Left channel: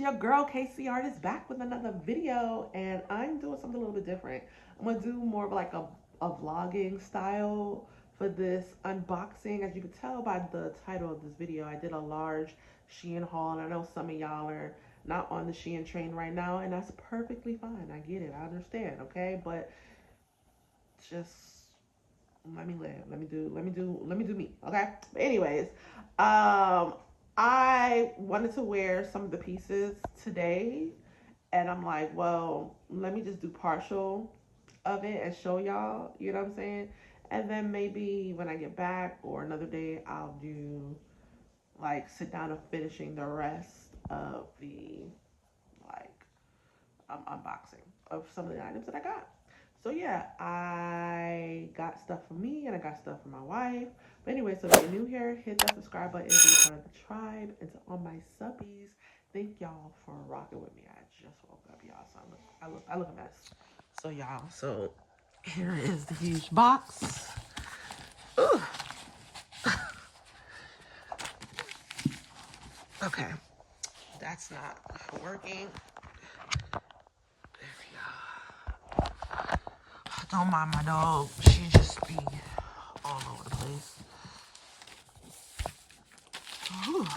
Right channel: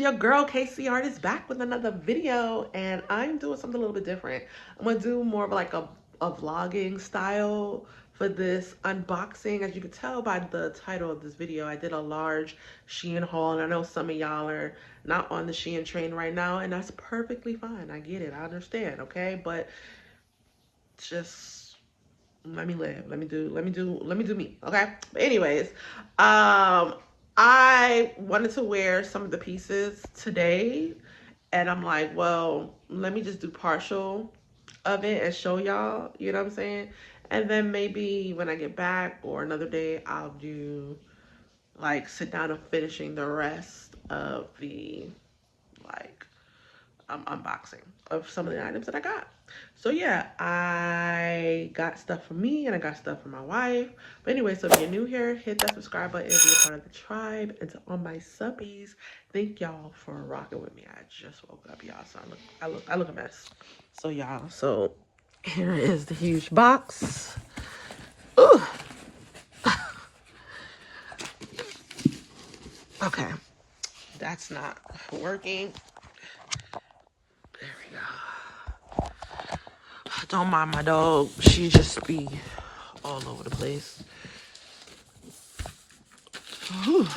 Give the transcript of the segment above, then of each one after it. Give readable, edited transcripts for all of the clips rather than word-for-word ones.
your girl KC Artist back with another video, and I'm doing something a little bit different. I'm gonna do more of like a vlogging style for this unboxing. As you can tell by the title of this video, I did a large Shein haul, and I know some of y'all are not on the Shein train right now, and that's perfectly fine. I get it, I understand, okay? But just let me live. Let me do me. Okay. But anyways, I wanted to wear some of the pieces today, and I'm like, well, let me just do partial of it and show y'all. You know what I'm saying? And then maybe when I get back or another day, I'll do like sit down and finishing the rest of the like unboxing of some of the items that I got. So yeah, I got stuff for me and I got stuff for my wife. But anyway, so if you're new here, hit that subscribe button if you're part of the tribe. And to all my subbies, thank y'all for rocking with me. I just woke up, y'all, so I look a mess. So y'all, so here is the huge box. Ooh. Okay, that's not working. Don't mind my dog. She just be all over the place. Whew.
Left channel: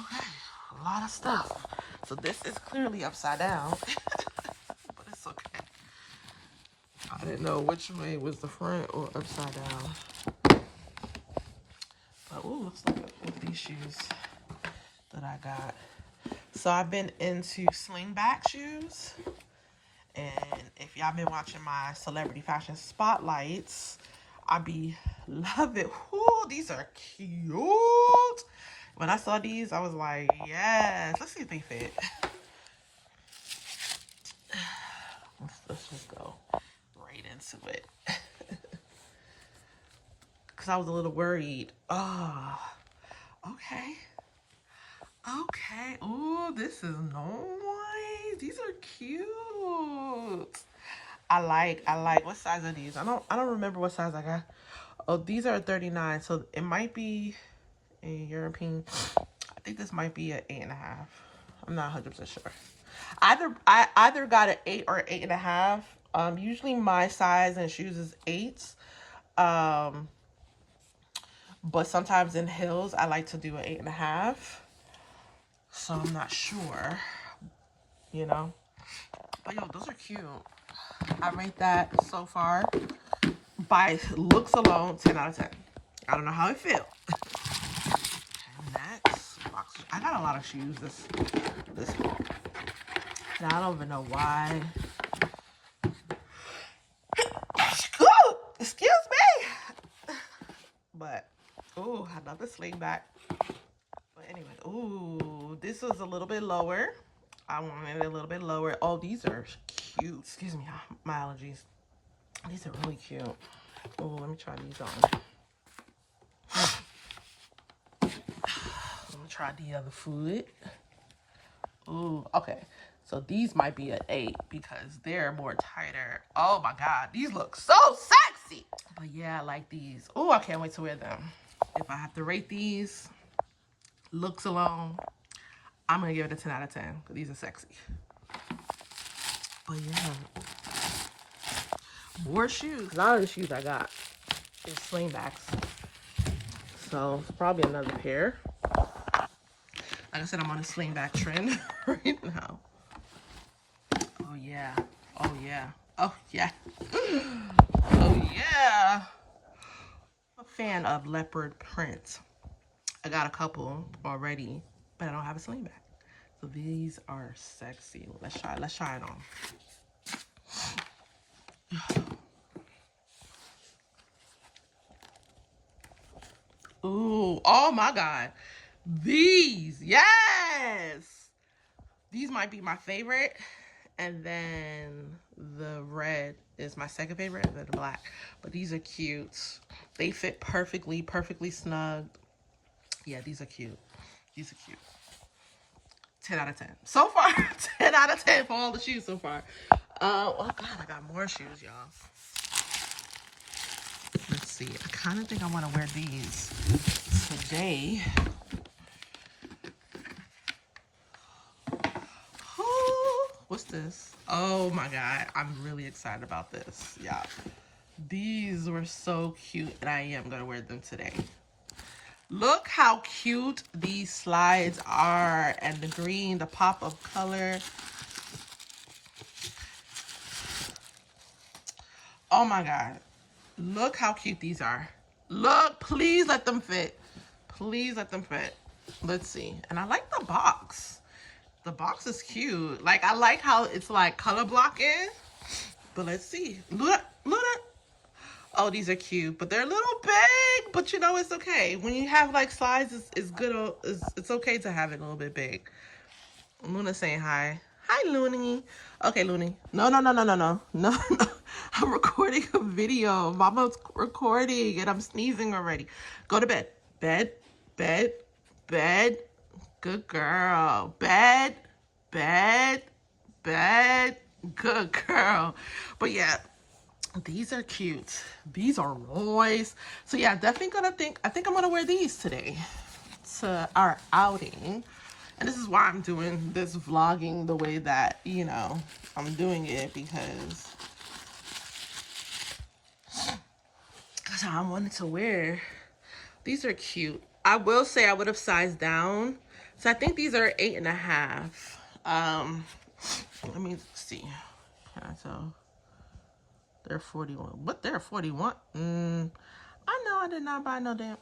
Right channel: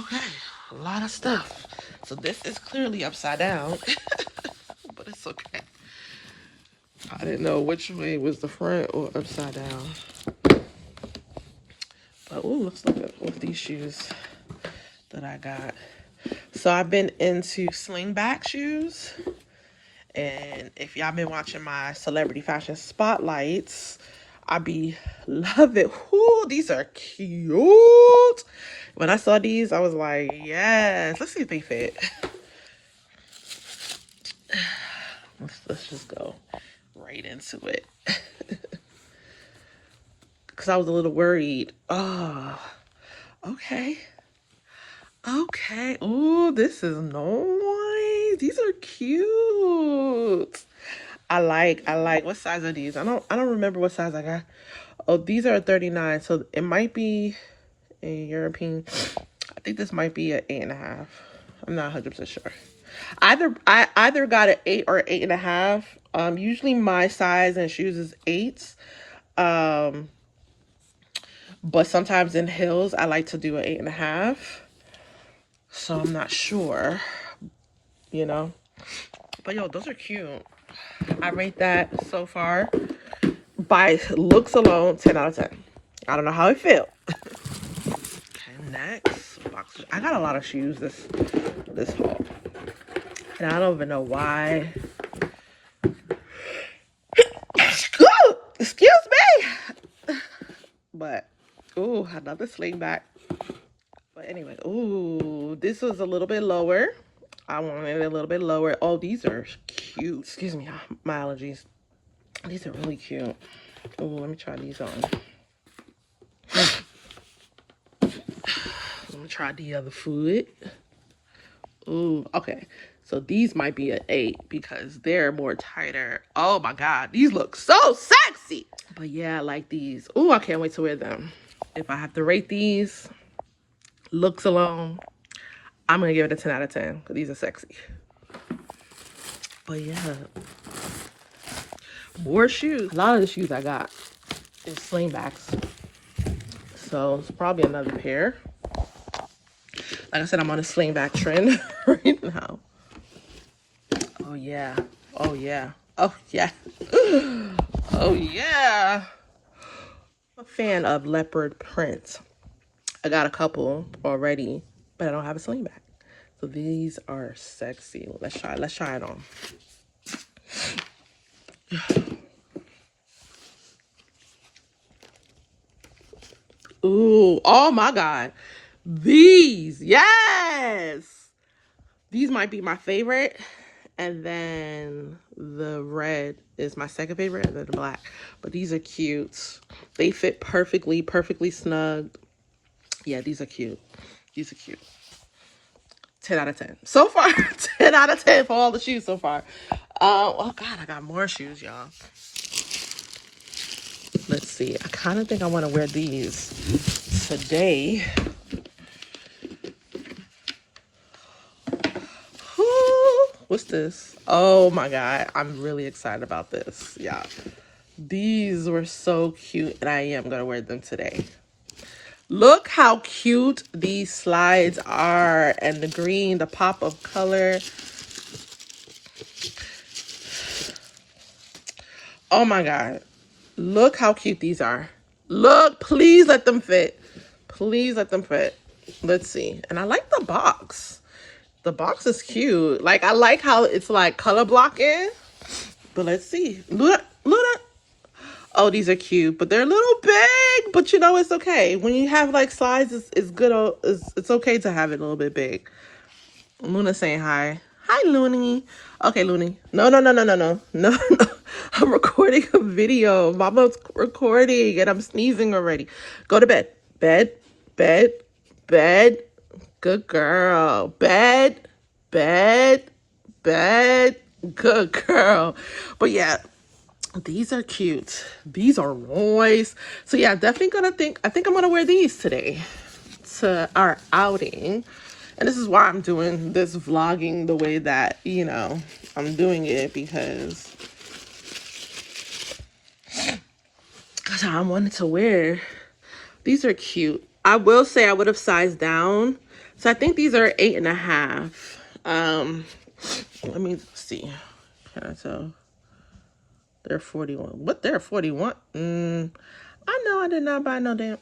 Okay, a lot of stuff. So this is clearly upside down, but it's okay. I didn't know which way was the front or upside down. But ooh, looks like it with these shoes that I got. So I've been into slingback shoes. And if y'all been watching my celebrity fashion spotlights, I be love it. Ooh, these are cute. When I saw these, I was like, yes. Let's see if they fit. Let's just go right into it. Because I was a little worried. Oh, okay. Okay. Ooh, this is nice. These are cute. I like. What size are these? I don't remember what size I got. Oh, these are 39. So it might be a European. I think this might be an 8.5. I'm not 100% sure. I either got an 8 or 8.5. Usually my size in shoes is 8s. But sometimes in heels I like to do an 8.5. So I'm not sure, you know. But yo, those are cute. I rate that so far by looks alone 10 out of 10. I don't know how it feel. Okay, next box. I got a lot of shoes this haul, and I don't even know why. Excuse me. But ooh, another slingback. But anyway, ooh, this was a little bit lower. I wanted it a little bit lower. Oh, these are cute. Excuse me, my allergies. These are really cute. Oh, let me try these on. Let me try the other foot. Ooh, okay. So these might be an 8 because they're more tighter. Oh my God, these look so sexy. But yeah, I like these. Ooh, I can't wait to wear them. If I have to rate these, looks alone, I'm gonna give it a 10 out of 10 because these are sexy. But yeah, more shoes. A lot of the shoes I got is slingbacks. So it's probably another pair. Like I said, I'm on a slingback trend right now. Oh yeah. Oh yeah. Oh yeah. Oh yeah. I'm a fan of leopard print. I got a couple already, but I don't have a slingback. So these are sexy. Let's try it on. Ooh, oh my God. These, yes. These might be my favorite. And then the red is my second favorite, and then the black. But these are cute. They fit perfectly snug. Yeah, these are cute. These are cute. 10 out of 10. So far, 10 out of 10 for all the shoes so far. Oh God, I got more shoes, y'all. Let's see. I kind of think I want to wear these today. What's this? Oh my God. I'm really excited about this. Yeah. These were so cute, and I am going to wear them today. Look how cute these slides are, and the green, the pop of color. Oh my God. Look how cute these are. Look, please let them fit. Please let them fit. Let's see. And I like the box. The box is cute. Like, I like how it's like color blocking. But let's see. Look, look. Oh, these are cute, but they're a little big. But you know, it's okay. When you have like slides, it's good. It's okay to have it a little bit big. Luna saying hi. Hi, Looney. Okay, Looney. No, no, no, no, no, no, no, no. I'm recording a video. Mama's recording, and I'm sneezing already. Go to bed. Bed, bed, bed. Good girl. Bed, bed, bed. Good girl. But yeah, these are cute. These are nice. So yeah, definitely I think I'm gonna wear these today to our outing. And this is why I'm doing this vlogging the way that, you know, I'm doing it, because I wanted to wear. These are cute. I will say I would have sized down. So I think these are 8.5. Let me see. Can I tell? They're 41. What? They're 41? I know I did not buy no damn.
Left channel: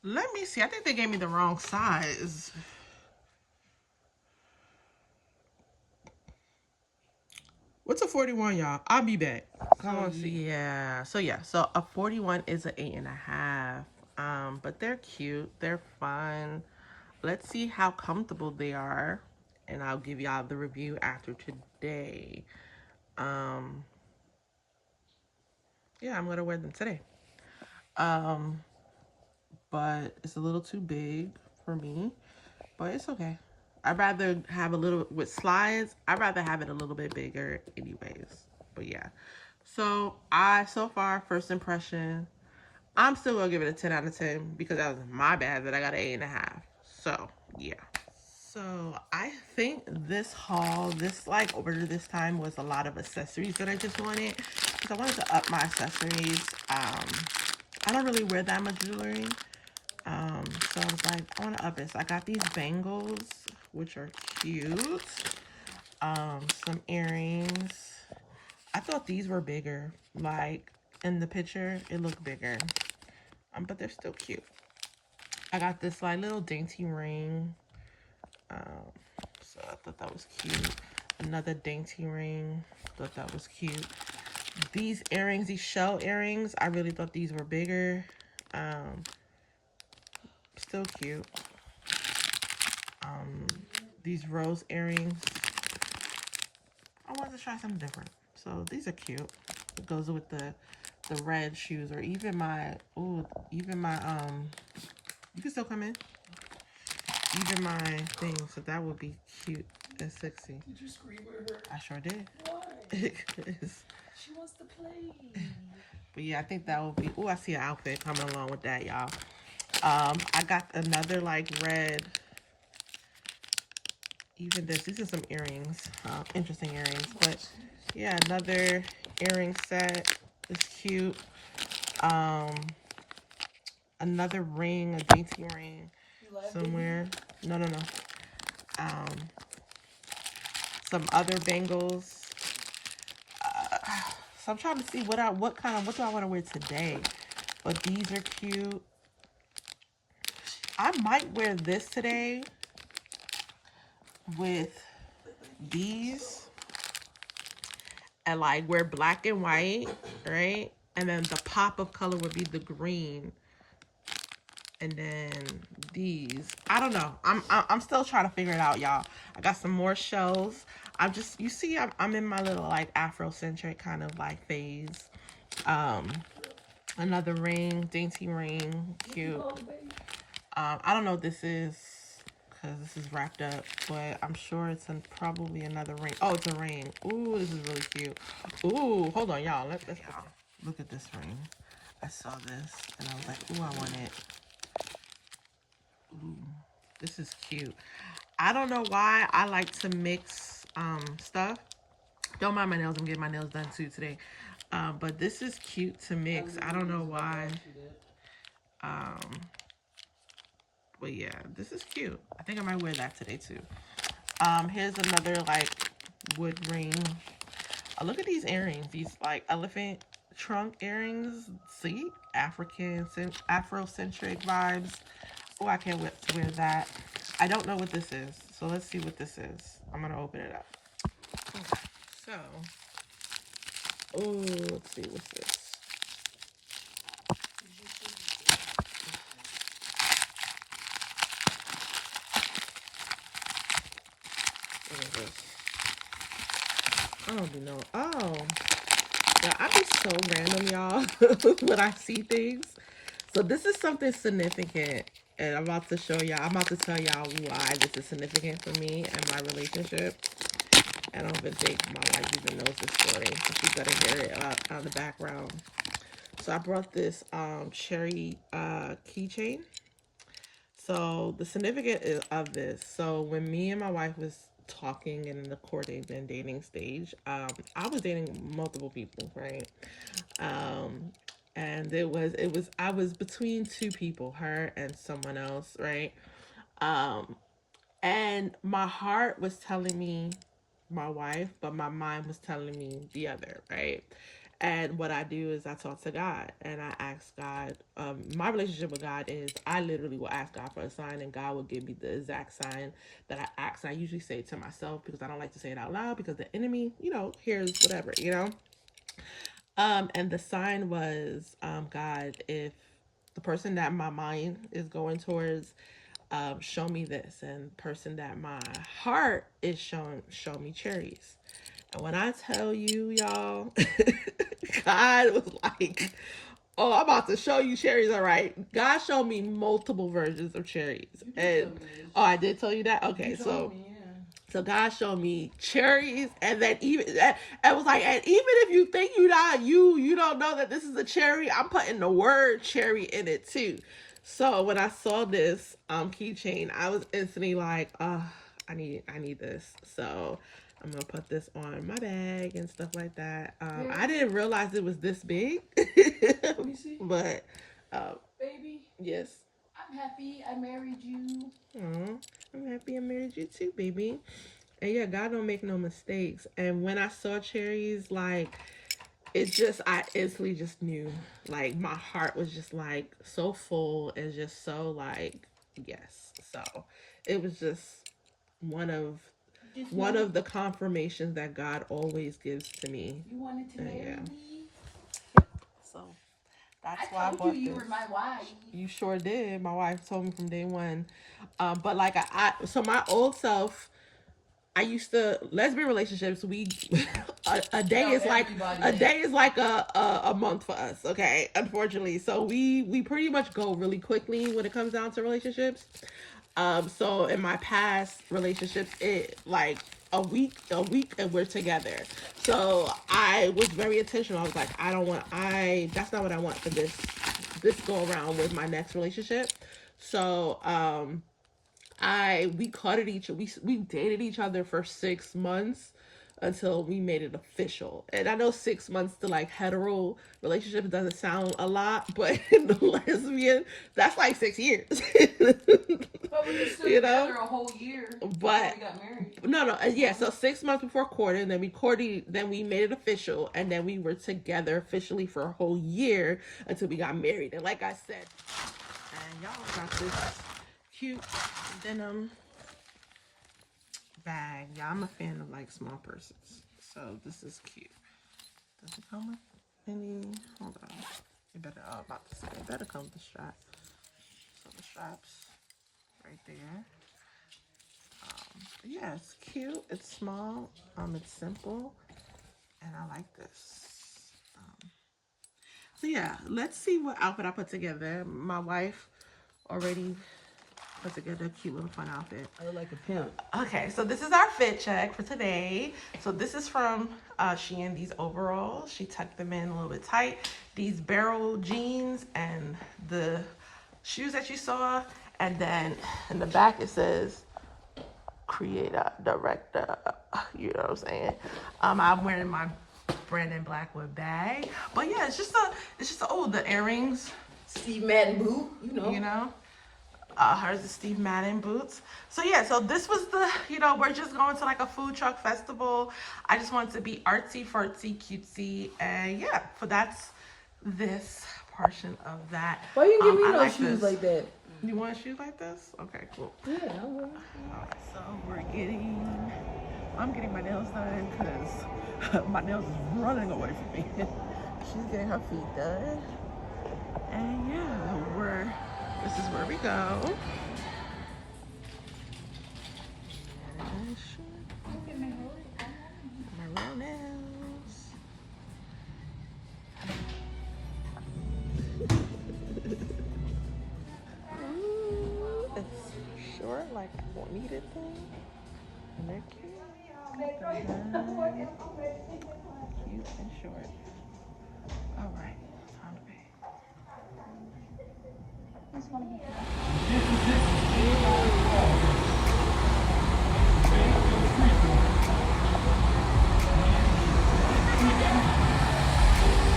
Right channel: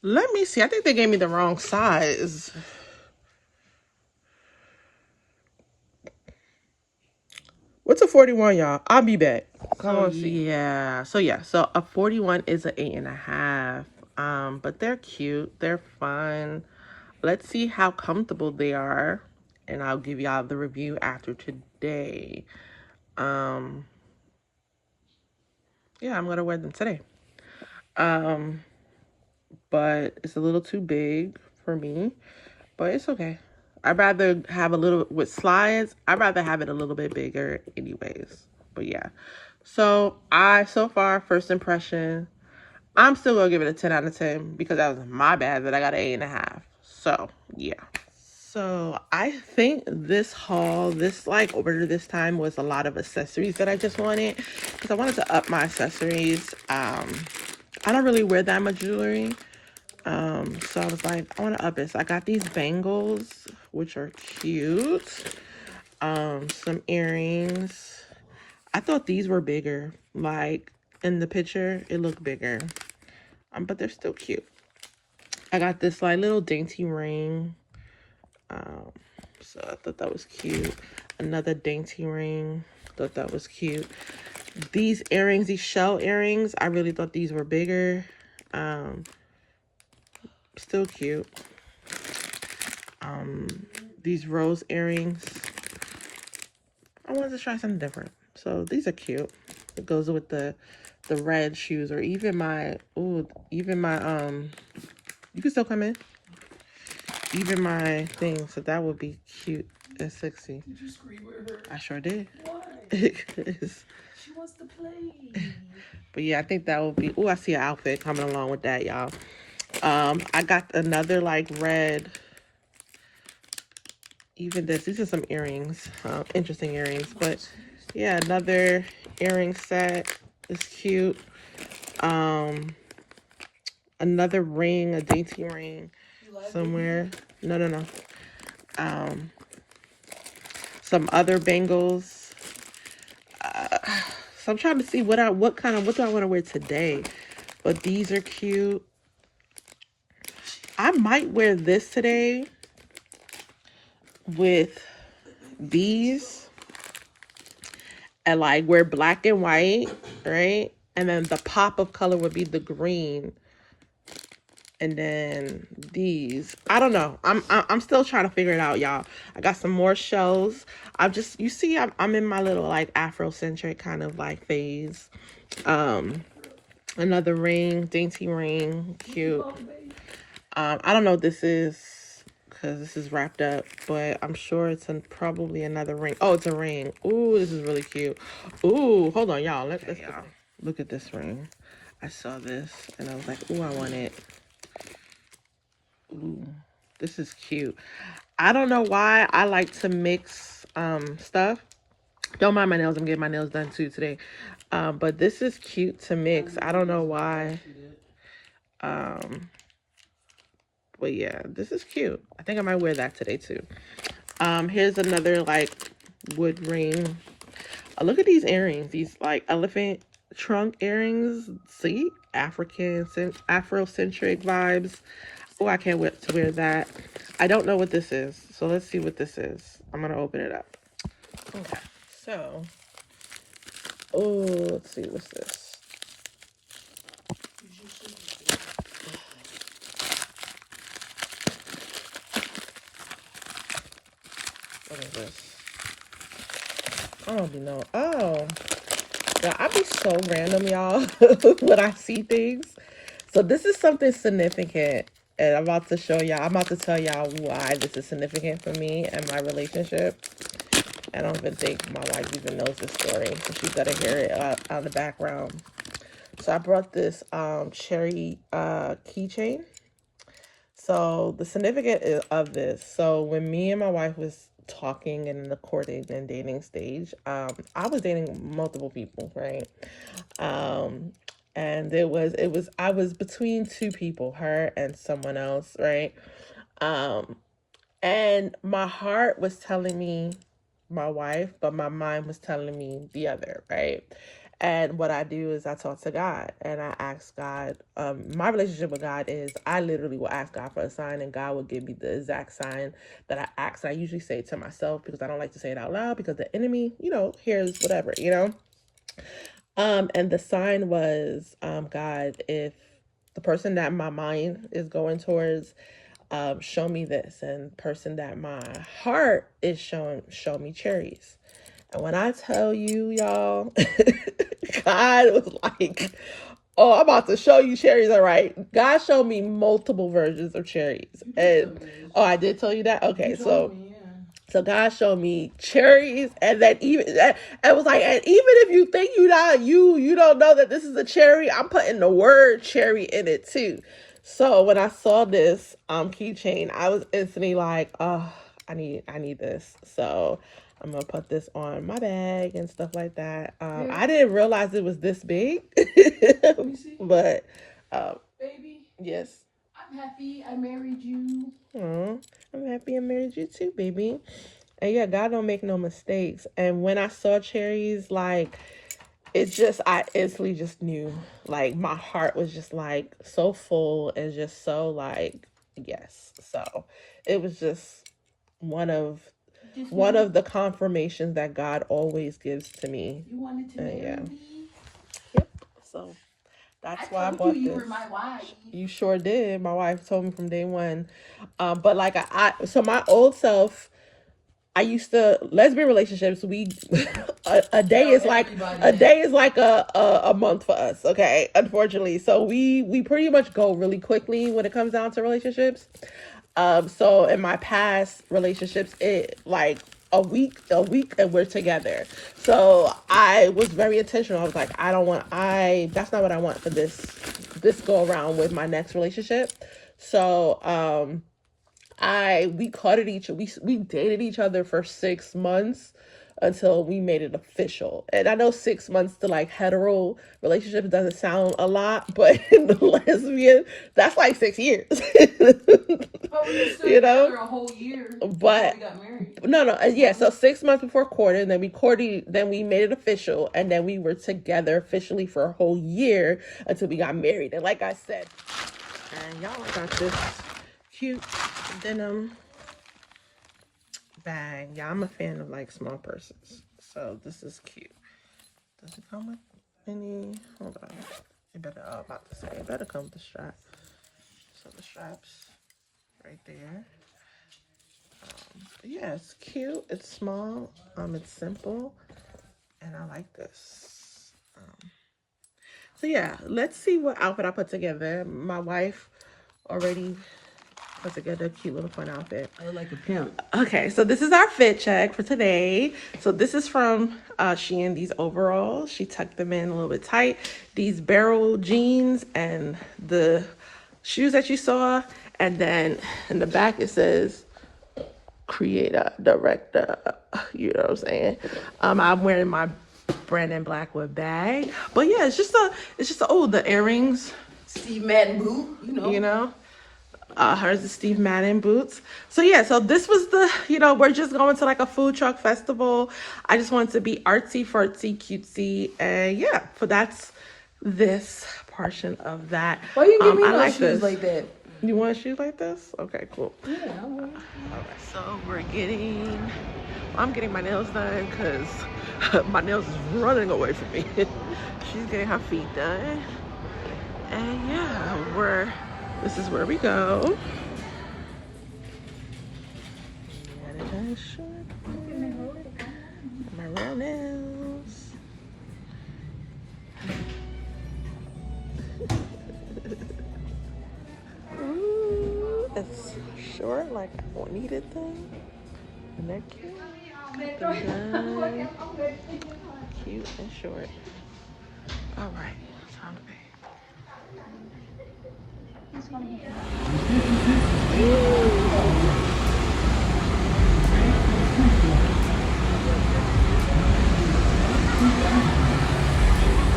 Let me see. I think they gave me the wrong size. What's a 41, y'all? I'll be back. So yeah. So a 41 is an 8.5. But they're cute. They're fun. Let's see how comfortable they are, and I'll give y'all the review after today. Yeah, I'm gonna wear them today. But it's a little too big for me, but it's okay. I'd rather have a little, with slides, I'd rather have it a little bit bigger anyways. But yeah. So so far, first impression, I'm still gonna give it a 10 out of 10 because that was my bad that I got an 8.5. So yeah. So I think this haul, this like order this time, was a lot of accessories that I just wanted, because I wanted to up my accessories. I don't really wear that much jewelry. So I was like, I want to up it. So I got these bangles, which are cute. Some earrings. I thought these were bigger. Like in the picture, it looked bigger. But they're still cute. I got this like little dainty ring. So I thought that was cute. Another dainty ring. Thought that was cute. These earrings, these shell earrings, I really thought these were bigger. Still cute. These rose earrings, I wanted to try something different, so these are cute. It goes with the red shoes, or even my you can still come in, even my thing. So that would be cute and sexy. Did you scream at her? I sure did. Why? She wants to play. But yeah, I think that would be. Oh, I see an outfit coming along with that, y'all. I got another like red. Even these are some earrings, interesting earrings. But yeah, another earring set is cute. Another ring, a dainty ring somewhere. No. Some other bangles. So I'm trying to see what do I want to wear today. But these are cute. I might wear this today with these, and like wear black and white, right? And then the pop of color would be the green. And then these, I don't know. I'm still trying to figure it out, y'all. I got some more shells. You see, I'm in my little like Afrocentric kind of like phase. Another ring, dainty ring, cute. I don't know what this is, because this is wrapped up, but I'm sure it's probably another ring. Oh, it's a ring. Ooh, this is really cute. Ooh, hold on, y'all. Let's look at this ring. I saw this and I was like, ooh, I want it. Ooh, this is cute. I don't know why I like to mix stuff. Don't mind my nails. I'm getting my nails done too today. But this is cute to mix. I don't know why. But yeah, this is cute. I think I might wear that today too. Here's another like wood ring. Look at these earrings. These like elephant trunk earrings. See, Afrocentric vibes. Oh, I can't wait to wear that. I don't know what this is, so let's see what this is. I'm gonna open it up. Okay, so let's see what's this. What is this? I don't even know. Oh, well, I be so random, y'all, when I see things. So this is something significant, and I'm about to show y'all. I'm about to tell y'all why this is significant for me and my relationship. I don't even think my wife even knows this story, so she's gonna hear it out in the background. So I brought this cherry keychain. So the significance of this. So when me and my wife was talking in the courting and dating stage, I was dating multiple people, right? And I was between two people, her and someone else, right? Um, and my heart was telling me my wife, but my mind was telling me the other, right? And what I do is I talk to God and I ask God. My relationship with God is I literally will ask God for a sign, and God will give me the exact sign that I ask. I usually say it to myself because I don't like to say it out loud because the enemy, hears whatever, And the sign was, God, if the person that my mind is going towards, show me this, and person that my heart is showing, show me cherries. And when I tell you, y'all, God was like, oh, I'm about to show you cherries. All right. God showed me multiple versions of cherries. And oh, I did tell you that? Okay, so so God showed me cherries, and then it was like, and even if you think you don't know that this is a cherry, I'm putting the word cherry in it too. So when I saw this keychain, I was instantly like, oh, I need this. So I'm gonna put this on my bag and stuff like that. I didn't realize it was this big, but baby, yes. I'm happy I married you. Oh, I'm happy I married you too, baby. And yeah, God don't make no mistakes. And when I saw cherries, like, I instantly just knew. Like, my heart was just like so full and just so like, yes. So it was just one of the confirmations that God always gives to me. You wanted to marry me? Yep. So that's why I bought this. You were my wife. You sure did. My wife told me from day one. But like so my old self, I used to lesbian relationships. We a day is like a month for us. Okay, unfortunately, so we pretty much go really quickly when it comes down to relationships. So in my past relationships, it like a week, and we're together. So I was very intentional. I was like, that's not what I want for this go around with my next relationship. So we dated each other for 6 months until we made it official. And I know 6 months to like hetero relationship doesn't sound a lot, but in the lesbian, that's like 6 years. But we were still together a whole year. But we got married. No, yeah. So 6 months before courting, then we made it official, and then we were together officially for a whole year until we got married. And like I said, and y'all got this cute denim bag. Yeah, I'm a fan of like small purses, so this is cute. Does it come with any? Hold on, it better. About to say, it better come with the strap. So the straps right there. Yeah, it's cute. It's small. It's simple, and I like this. So yeah, let's see what outfit I put together. My wife already put together a cute little fun outfit. I like a pimp. Okay, so this is our fit check for today. So this is from Shein, these overalls. She tucked them in a little bit tight. These barrel jeans and the shoes that you saw. And then in the back it says, creator, director, you know what I'm saying? I'm wearing my Brandon Blackwood bag. But yeah, oh, the earrings. Steve Madden boot, You know? Hers is Steve Madden boots. So yeah, so this was the, we're just going to like a food truck festival. I just wanted to be artsy, fartsy, cutesy. And yeah, that's this portion of that. Why you give me I no like shoes this. like that? You want shoes like this? Okay, cool. Yeah, All right, so I'm getting my nails done because my nails is running away from me. She's getting her feet done. And yeah, this is where we go. My real nails. It's short, like a needed thing. And they're cute. Cute and short. All right, time to pay.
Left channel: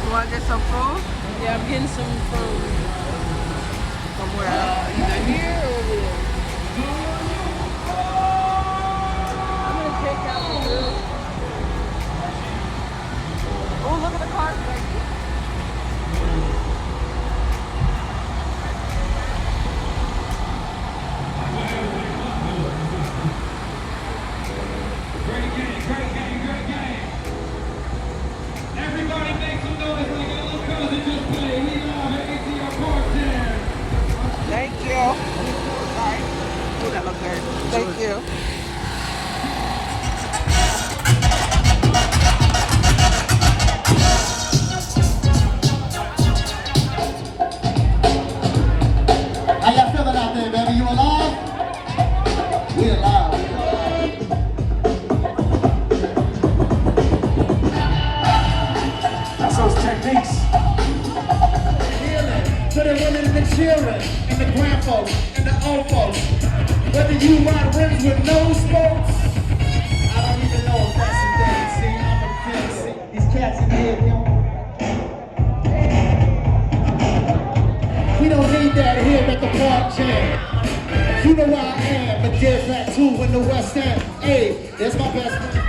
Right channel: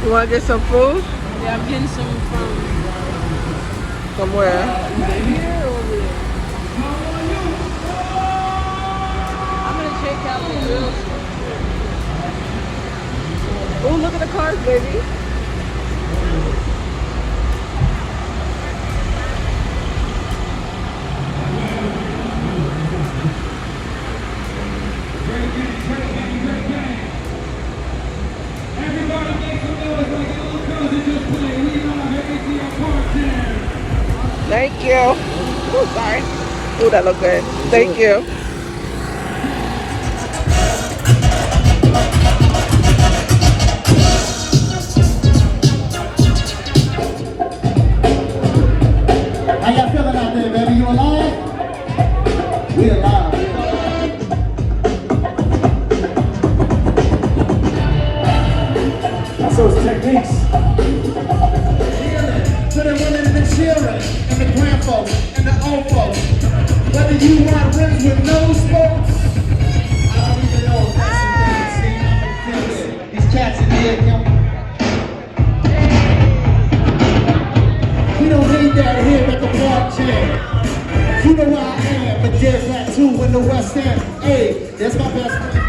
You want to get some food? Yeah, I'm getting some food. From where? Either here or there. I'm gonna check out the girls. Oh, look at the cars, baby. Thank you. Oh, sorry. Oh, that looked good. Thank you. How y'all feeling out there, baby? You alive? We alive. So it's techniques. To the women in the children, and the grandfolks, and the old folks. Whether you ride rims with no spokes, I don't even know if that's a thing. See, I'm a fancy. These cats in here, we don't hate that here at the park jam. You know where I am, but there's that too in the West End. Hey, that's my best friend.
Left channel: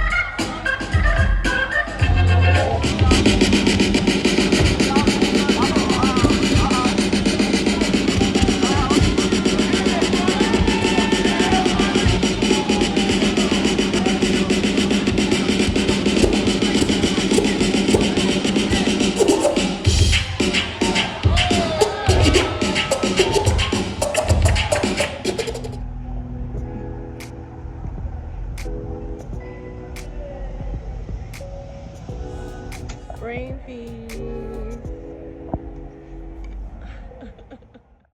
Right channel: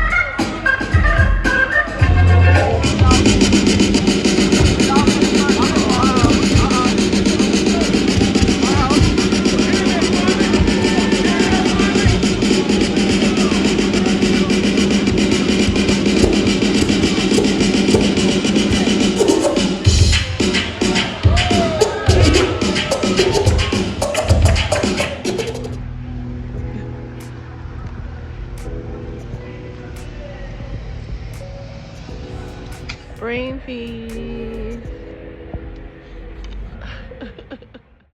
Brain feed.